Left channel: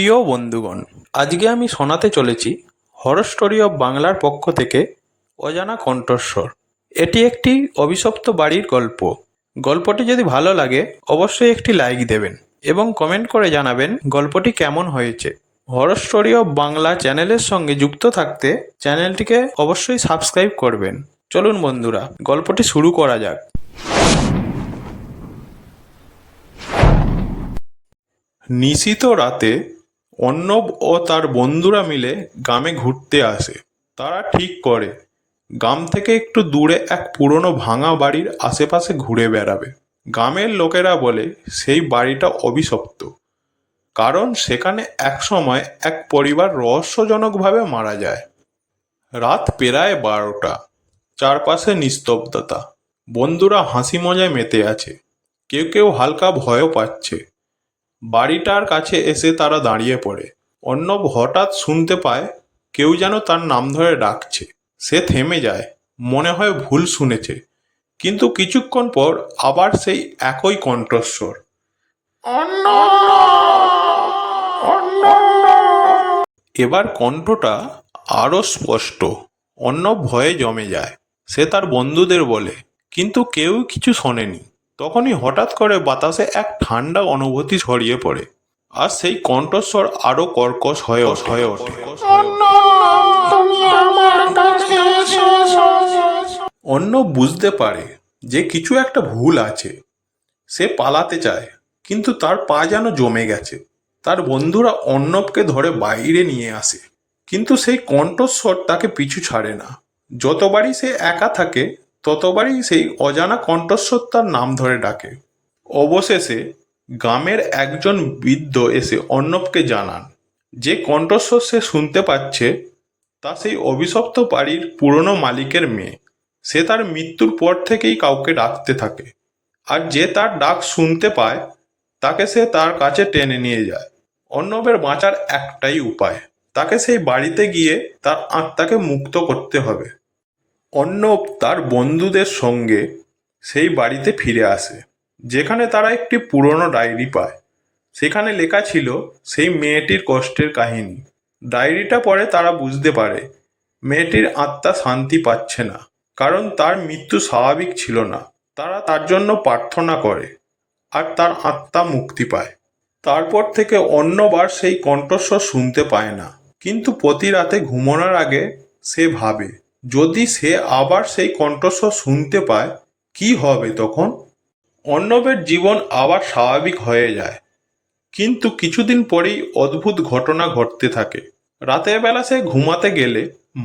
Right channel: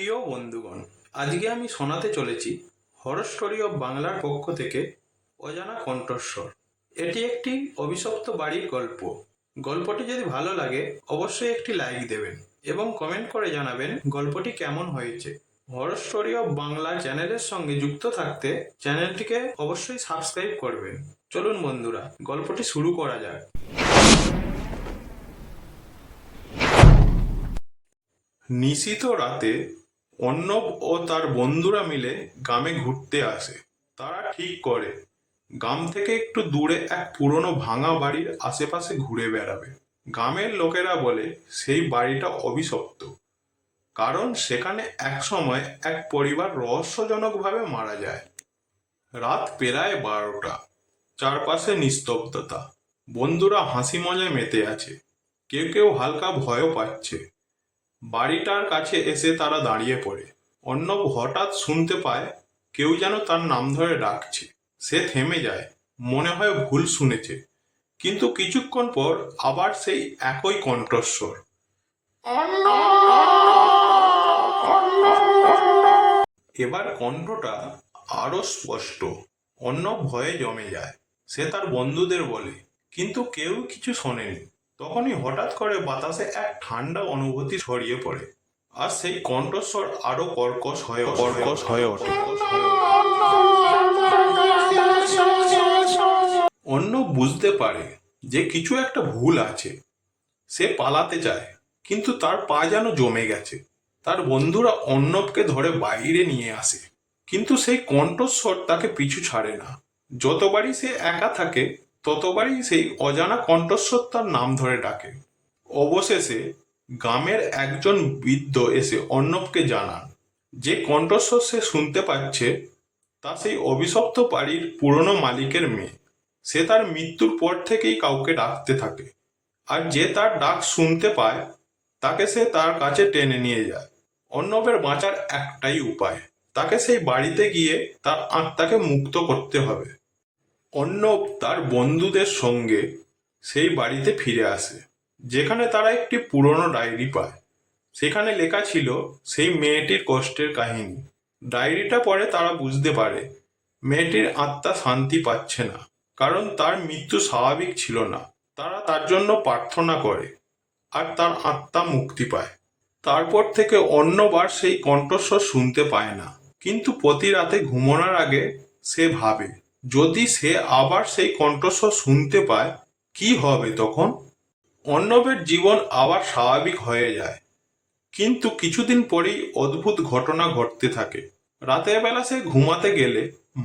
প্রিয় বন্ধুগণ, আজকে আমি শোনাতে চলেছি হরর স্টোরি অফ বাংলার পক্ষ থেকে অজানা কণ্ঠস্বর। এটি একটি অভিশপ্ত বাড়ির গল্প। গল্পটি যদি ভালো লাগে অবশ্যই একটি লাইক দেবেন এবং কমেন্ট করে জানাবেন গল্পটি কেমন হয়েছে। হরর স্টোরি অফ বাংলা চ্যানেলের সঙ্গে যুক্ত থাকতে চ্যানেলটিকে অবশ্যই সাবস্ক্রাইব করবেন। চলুন বন্ধুরা, গল্পটি শুরু করা যাক। নিশীথ রাতে অর্ণব ও তার বন্ধুরা মিলে গ্রামে ঘুরতে আসে। তারা ঠিক করে গ্রাম থেকে একটু দূরে এক পুরনো ভাঙা বাড়ির আশেপাশে ঘুরে বেড়াবে। গ্রামের লোকেরা বলে সেই বাড়িটা অভিশপ্ত, কারণ সেখানে একসময় এক পরিবার রহস্যজনকভাবে মারা যায়। রাত প্রায় 12টা, চারপাশে নিস্তব্ধতা। বন্ধুরা হাসি মজায় মেতে আছে, কেউ কেউ হালকা ভয়ও পাচ্ছে। বাড়িটার কাছে এসে তারা দাঁড়িয়ে পড়ে। অর্ণব হঠাৎ শুনতে পায় কেউ যেন তার নাম ধরে ডাকছে। সে থেমে যায়, মনে হয় ভুল শুনেছে, কিন্তু কিছুক্ষণ পর আবার সেই একই কণ্ঠস্বর। এবার কণ্ঠটা আরো স্পষ্ট। অর্ণব ভয়ে জমে যায়। সে তার বন্ধুদের বলে, কিন্তু কেউ কিছু শোনেনি। তখনই হঠাৎ করে বাতাসে এক ঠান্ডা অনুভূতি ছড়িয়ে পড়ে, আর সেই কণ্ঠস্বর আরো কর্কশ হয়ে ওঠে। অর্ণব বুঝতে পারে যে কিছু একটা ভুল আছে। সে পালাতে চায়, কিন্তু তার পা যেন জমে গেছে। তার বন্ধুরা অর্ণবকে ধরে বাইরে নিয়ে আসে, কিন্তু সেই কণ্ঠস্বর তাকে পিছু ছাড়ে না। যতবারই সে একা থাকে ততবারই সেই অজানা কণ্ঠস্বর তার নাম ধরে ডাকে। অবশেষে গ্রামের একজন বৃদ্ধ এসে অর্ণবকে জানান যে কণ্ঠস্বর সে শুনতে পাচ্ছে তা সেই অভিশপ্ত বাড়ির পুরনো মালিকের মেয়ে। সে তার মৃত্যুর পর থেকেই কাউকে ডাকতে থাকে, আর যে তার ডাক শুনতে পায় তাকে সে তার কাছে টেনে নিয়ে যায়। অর্ণবের বাঁচার একটাই উপায়, তাকে সেই বাড়িতে গিয়ে তার আত্মাকে মুক্ত করতে হবে। অর্ণব তার বন্ধুদের সঙ্গে সেই বাড়িতে ফিরে আসে, যেখানে তারা একটি পুরনো ডায়েরি পায়। সেখানে লেখা ছিল সেই মেয়েটির কষ্টের কাহিনী। ডায়েরিটা পড়ে তারা বুঝতে পারে মেয়েটির আত্মা শান্তি পাচ্ছে না, কারণ তার মৃত্যু স্বাভাবিক ছিল না। তারা তার জন্য প্রার্থনা করে, আর তার আত্মা মুক্তি পায়। তারপর থেকে অর্ণব আর সেই কণ্ঠস্বর শুনতে পায় না, কিন্তু প্রতি রাতে ঘুমানোর আগে সে ভাবে, যদি সে আবার সেই কণ্ঠস্বর শুনতে পায় কি হবে তখন। অর্ণবের জীবন আবার স্বাভাবিক হয়ে যায়, কিন্তু কিছুদিন পরেই অদ্ভুত ঘটনা ঘটতে থাকে। রাতের বেলা সে ঘুমাতে গেলে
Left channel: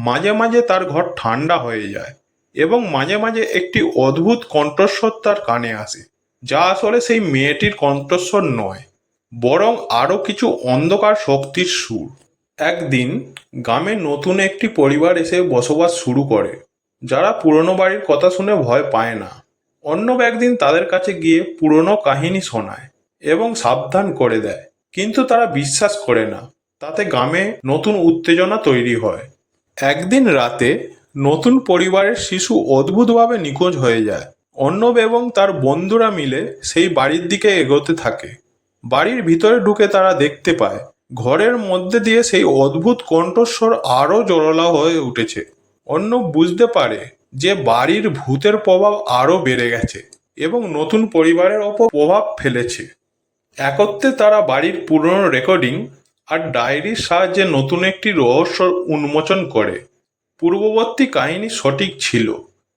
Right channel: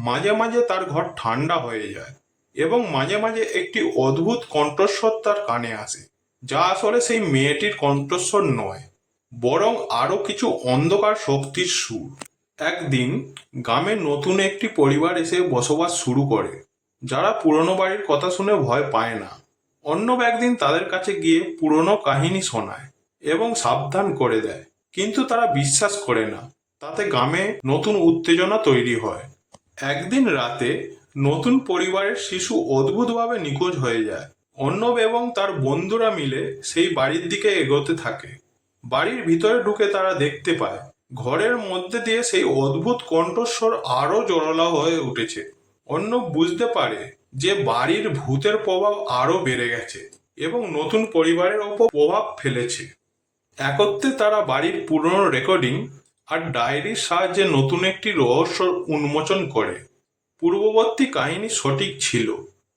মাঝে মাঝে তার ঘর ঠান্ডা হয়ে যায়, এবং মাঝে মাঝে একটি অদ্ভুত কণ্ঠস্বর তার কানে আসে, যা আসলে সেই মেয়েটির কণ্ঠস্বর নয়, বরং আরও কিছু অন্ধকার শক্তির সুর। একদিন গ্রামে নতুন একটি পরিবার এসে বসবাস শুরু করে, যারা পুরনো বাড়ির কথা শুনে ভয় পায় না। অর্ণব একদিন তাদের কাছে গিয়ে পুরনো কাহিনী শোনায় এবং সাবধান করে দেয়, কিন্তু তারা বিশ্বাস করে না। তাতে গ্রামে নতুন উত্তেজনা তৈরি হয়। একদিন রাতে নতুন পরিবারের শিশু অদ্ভুতভাবে নিখোঁজ হয়ে যায়। অর্ণব এবং তার বন্ধুরা মিলে সেই বাড়ির দিকে এগোতে থাকে। বাড়ির ভিতরে ঢুকে তারা দেখতে পায় ঘরের মধ্যে দিয়ে সেই অদ্ভুত কণ্ঠস্বর আরও জোরালো হয়ে উঠেছে। অর্ণব বুঝতে পারে যে বাড়ির ভূতের প্রভাব আরও বেড়ে গেছে এবং নতুন পরিবারের ওপর প্রভাব ফেলেছে। একত্রে তারা বাড়ির পুরনো রেকর্ডিং আর ডায়েরির সাহায্যে নতুন একটি রহস্য উন্মোচন করে। পূর্ববর্তী কাহিনী সঠিক ছিল,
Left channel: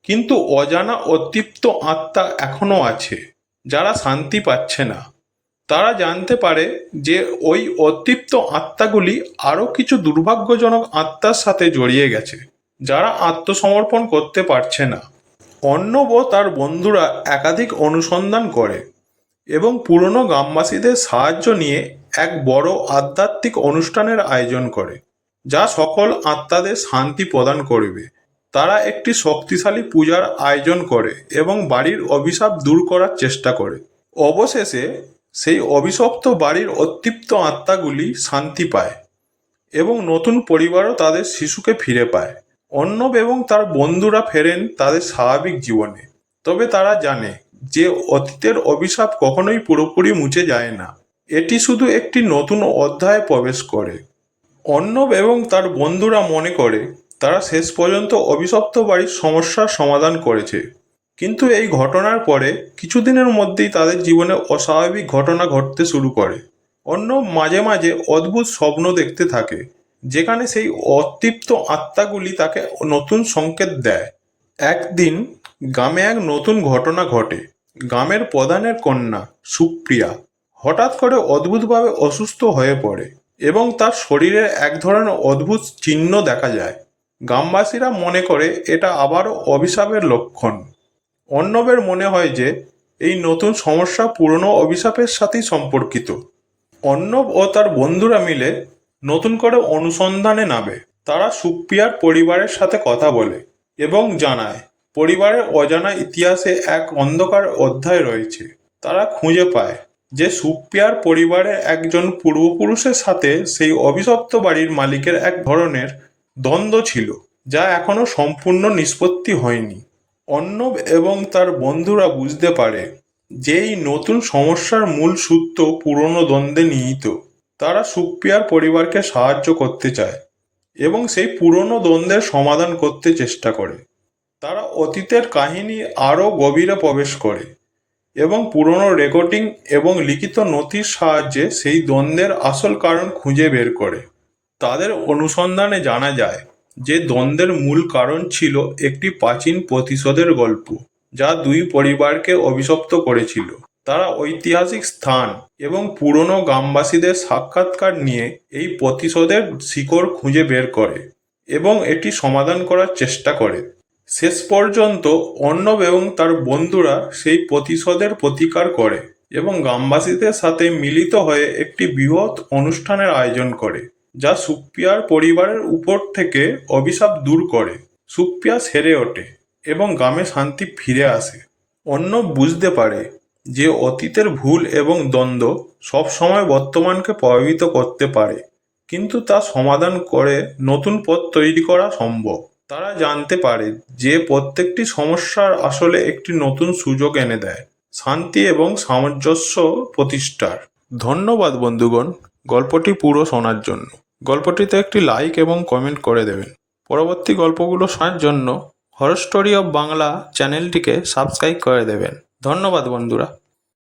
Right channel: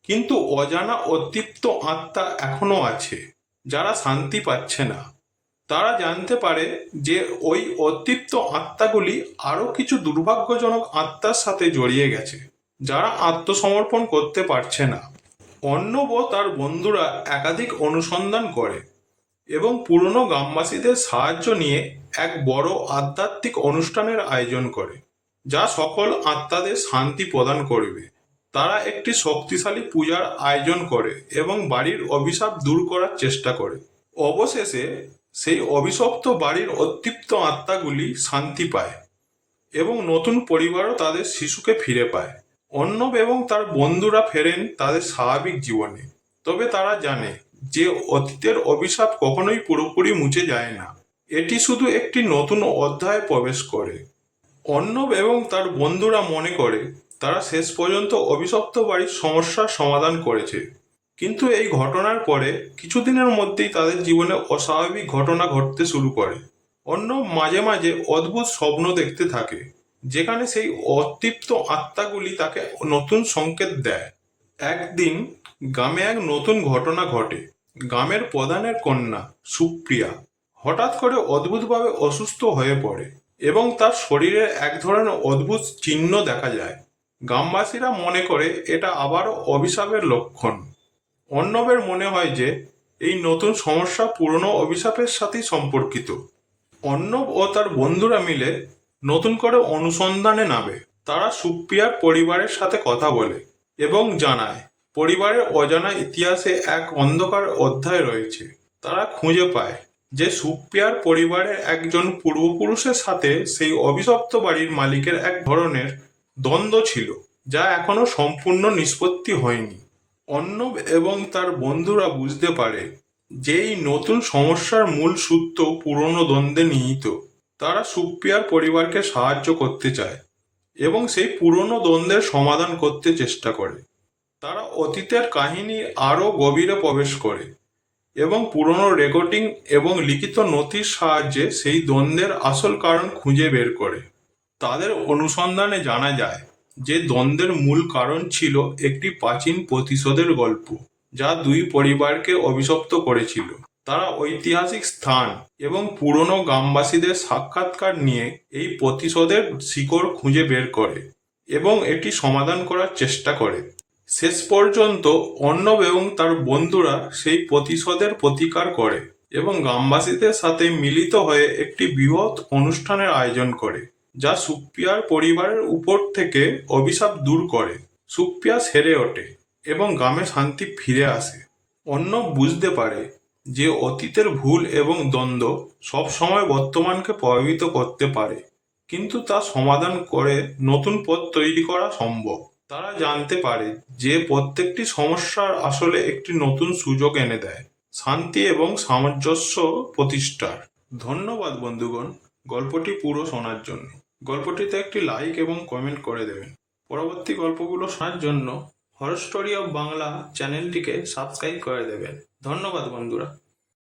কিন্তু অজানা অতৃপ্ত আত্মা এখনও আছে, যারা শান্তি পাচ্ছে না। তারা জানতে পারে যে ওই অতৃপ্ত আত্মাগুলি আরও কিছু দুর্ভাগ্যজনক আত্মার সাথে জড়িয়ে গেছে, যারা আত্মসমর্পণ করতে পারছে না। অর্ণব ও তার বন্ধুরা একাধিক অনুসন্ধান করে এবং পুরনো গ্রামবাসীদের সাহায্য নিয়ে এক বড় আধ্যাত্মিক অনুষ্ঠানের আয়োজন করে, যা সকল আত্মাদের শান্তি প্রদান করবে। তারা একটি শক্তিশালী পূজার আয়োজন করে এবং বাড়ির অভিশাপ দূর করার চেষ্টা করে। অবশেষে সেই অভিশপ্ত বাড়ির অতৃপ্ত আত্মাগুলি শান্তি পায় এবং নতুন পরিবারও তাদের শিশুকে ফিরে পায়। অর্ণব এবং তার বন্ধুরা ফেরেন তাদের স্বাভাবিক জীবনে, তবে তারা জানে যে অতীতের অভিশাপ কখনোই পুরোপুরি মুছে যায় না। এটি শুধু একটি নতুন অধ্যায়ে প্রবেশ করে। অর্ণব এবং তার বন্ধুরা মনে করে তারা শেষ পর্যন্ত অভিশপ্ত বাড়ির সমস্যার সমাধান করেছে। কিন্তু এই ঘটনার পরে কিছুদিনের মধ্যেই তাদের জীবনে অস্বাভাবিক ঘটনা ঘটতে শুরু করে। অর্ণব মাঝে মাঝে অদ্ভুত স্বপ্ন দেখতে থাকে, যেখানে সেই অতৃপ্ত আত্মাগুলি তাকে নতুন সংকেত দেয়। একদিন গ্রামে এক নতুন ঘটনা ঘটে। গ্রামের প্রধানের কন্যা সুপ্রিয়া হঠাৎ করে অদ্ভুতভাবে অসুস্থ হয়ে পড়ে এবং তার শরীরে এক ধরনের অদ্ভুত চিহ্ন দেখা যায়। গ্রামবাসীরা মনে করে এটা আবারও অভিশাপের লক্ষণ। অর্ণবের মনে হয় যে এই নতুন সমস্যা পুরনো অভিশাপের সাথেই সম্পর্কিত। অর্ণব ও তার বন্ধুরা মিলে নতুন করে অনুসন্ধানে নামে। তারা সুপ্রিয়ার পরিবারের সাথে কথা বলে এবং জানায় পরিবারের অজানা ইতিহাসে এক অন্ধকার অধ্যায় রয়েছে। তারা খুঁজে পায় যে সুপ্রিয়ার পরিবারের একজন পূর্বপুরুষের সাথে সেই অভিশপ্ত বাড়ির মালিকের এক ধরনের দ্বন্দ্ব ছিল, যা এখনো সম্পূর্ণ নিষ্পত্তি হয়নি। অর্ণব এবং তার বন্ধুরা বুঝতে পারে যে এই নতুন সমস্যার মূল সূত্র পুরনো দ্বন্দ্বে নিহিত। তারা সুপ্রিয়ার পরিবারকে সাহায্য করতে চায় এবং সেই পুরনো দ্বন্দ্বের সমাধান করতে চেষ্টা করে। তারা অতীতের কাহিনী আরও গভীরে প্রবেশ করে এবং পুরনো রেকর্ডিং এবং লিখিত নথির সাহায্যে সেই দ্বন্দ্বের আসল কারণ খুঁজে বের করে। তাদের অনুসন্ধানে জানা যায় যে দ্বন্দ্বের মূল কারণ ছিল একটি প্রাচীন প্রতিশোধের গল্প, যা দুই পরিবারকে অভিশপ্ত করেছিল। তারা ঐতিহাসিক স্থান এবং পুরনো গ্রামবাসীদের সাক্ষাৎকার নিয়ে এই প্রতিশোধের শিকড় খুঁজে বের করে এবং এটি সমাধান করার চেষ্টা করে। শেষ পর্যন্ত অর্ণব এবং তার বন্ধুরা সেই প্রতিশোধের প্রতিকার করে এবং গ্রামবাসীদের সাথে মিলিত হয়ে একটি বৃহৎ অনুষ্ঠানের আয়োজন করে, যা সুপ্রিয়ার পরিবারের উপর থেকে অভিশাপ দূর করে। সুপ্রিয়া সেরে ওঠে এবং গ্রামে শান্তি ফিরে আসে। অর্ণব বুঝতে পারে যে অতীতের ভুল এবং দ্বন্দ্ব সবসময় বর্তমানকে প্রভাবিত করতে পারে, কিন্তু তা সমাধান করে নতুন পথ তৈরি করা সম্ভব। তারা জানতে পারে যে প্রত্যেকটি সমস্যার আসলে একটি নতুন সুযোগ এনে দেয় শান্তি এবং সামঞ্জস্য প্রতিষ্ঠার। ধন্যবাদ বন্ধুগণ, গল্পটি পুরো শোনার জন্য। গল্পটিতে একটি লাইক এবং কমেন্ট করে দেবেন। পরবর্তী গল্পগুলো শোনার জন্য হরর স্টোরি অফ বাংলা চ্যানেলটিকে সাবস্ক্রাইব করে দেবেন। ধন্যবাদ বন্ধুরা।